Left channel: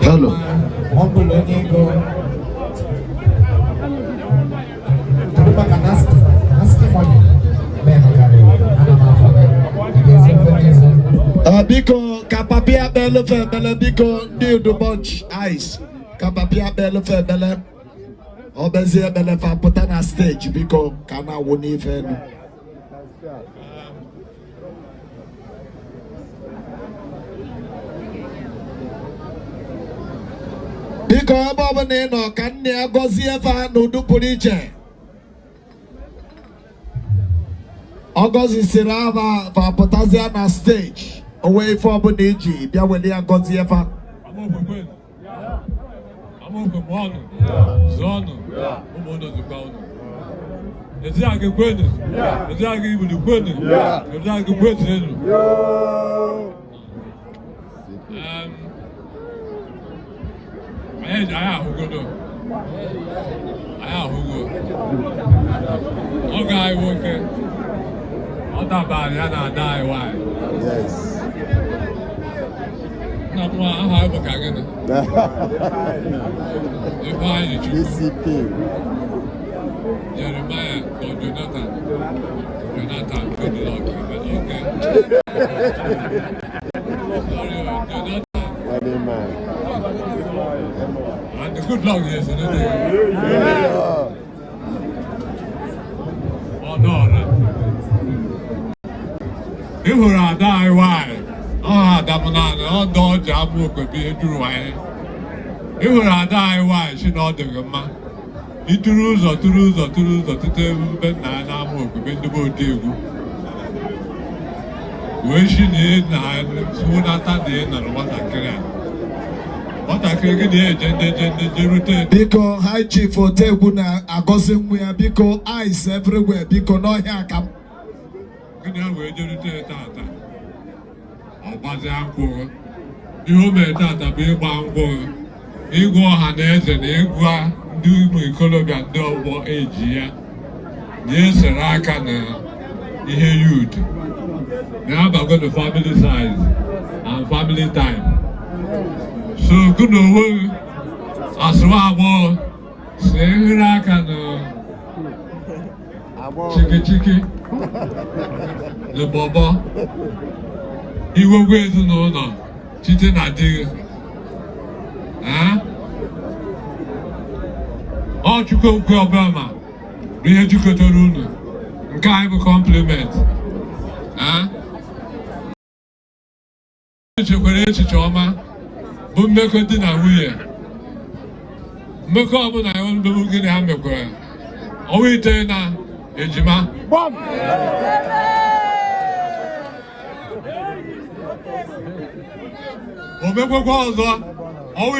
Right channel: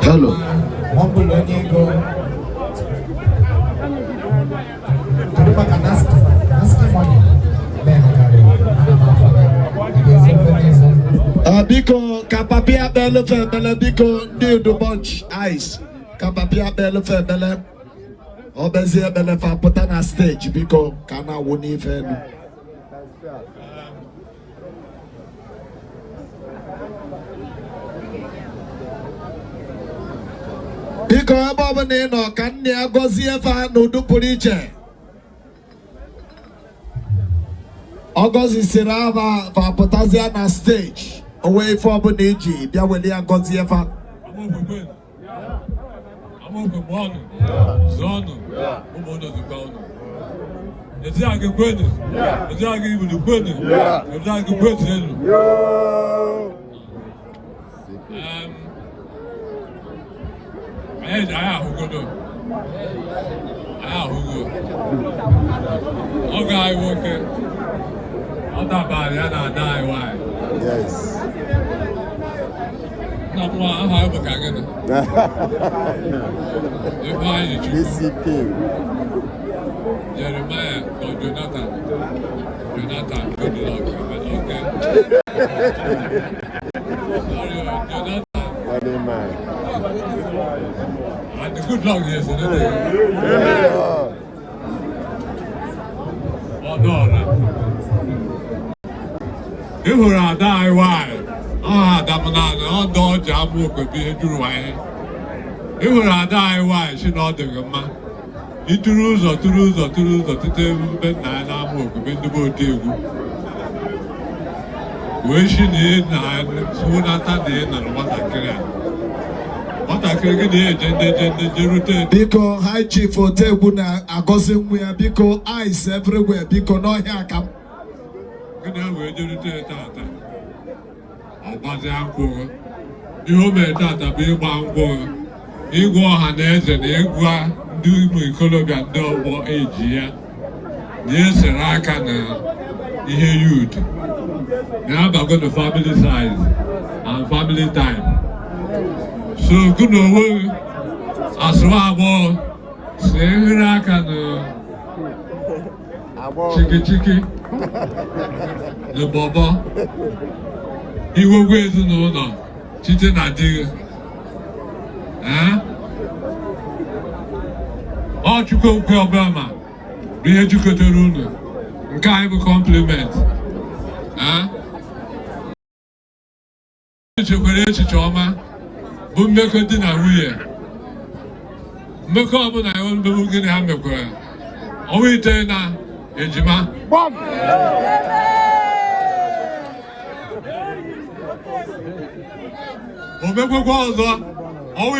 Hello. Biko kapapia belle febele biko need the bunch ice. Kapapia belle febele. Obezi belle fa put on stage biko kana woni fe no. Biko ebe ne no kan ne agozi efa no du puriche. Agozi sirava fa potazia na stage. Away from Boneji, there will be a Godziefa. I'm over one, Zona, who under the counter. The Zag Quinn, the Zag even the Quinn, the Zag Quinn. And I who go to all guy working. All that bad, I die. Why? Yes. Not one, I have a gagging. Ifeanyi, Jeremiah, or Jonathan, good luck. Okay. Jonathan. And the good luck is another. Oh no. You will die. Why? Ah, Damana, don't Amokwe be a true wine. You will die. Why? She not the man. It rules or to lose or to lose or to tell Ben and Amokwe, Ben the boat table. Where she need nine, soon after the end of what I can. What I can get the because high chief for Teguna, I go somewhere because ice everywhere because no hair come. Good now, we're doing it. Ọbazi akwụ ihe o mere tata bụ ịgba nkwụ ịgụ ọha na eze na ịgwa ndị ụmụ ikolobịa ndị ọgbọ eji ya na-esere aka na ihe youth na-abago na family size and family time so gụ na onwe asụwa agbọghọ si enyere aka na chiki na bọbọ iwegwe ezinụlọ site na di gị ọ chukwu okwu ọbụla ma bụ ihe jikọtara unu nke anyị bụ compliment echekwara echiche ọma bụ mmekọ di na nwunye mmekọ ọbụla ya ndụ gịnị ha mekwara ọnwa ite na ejima o mekwekwa ọzọ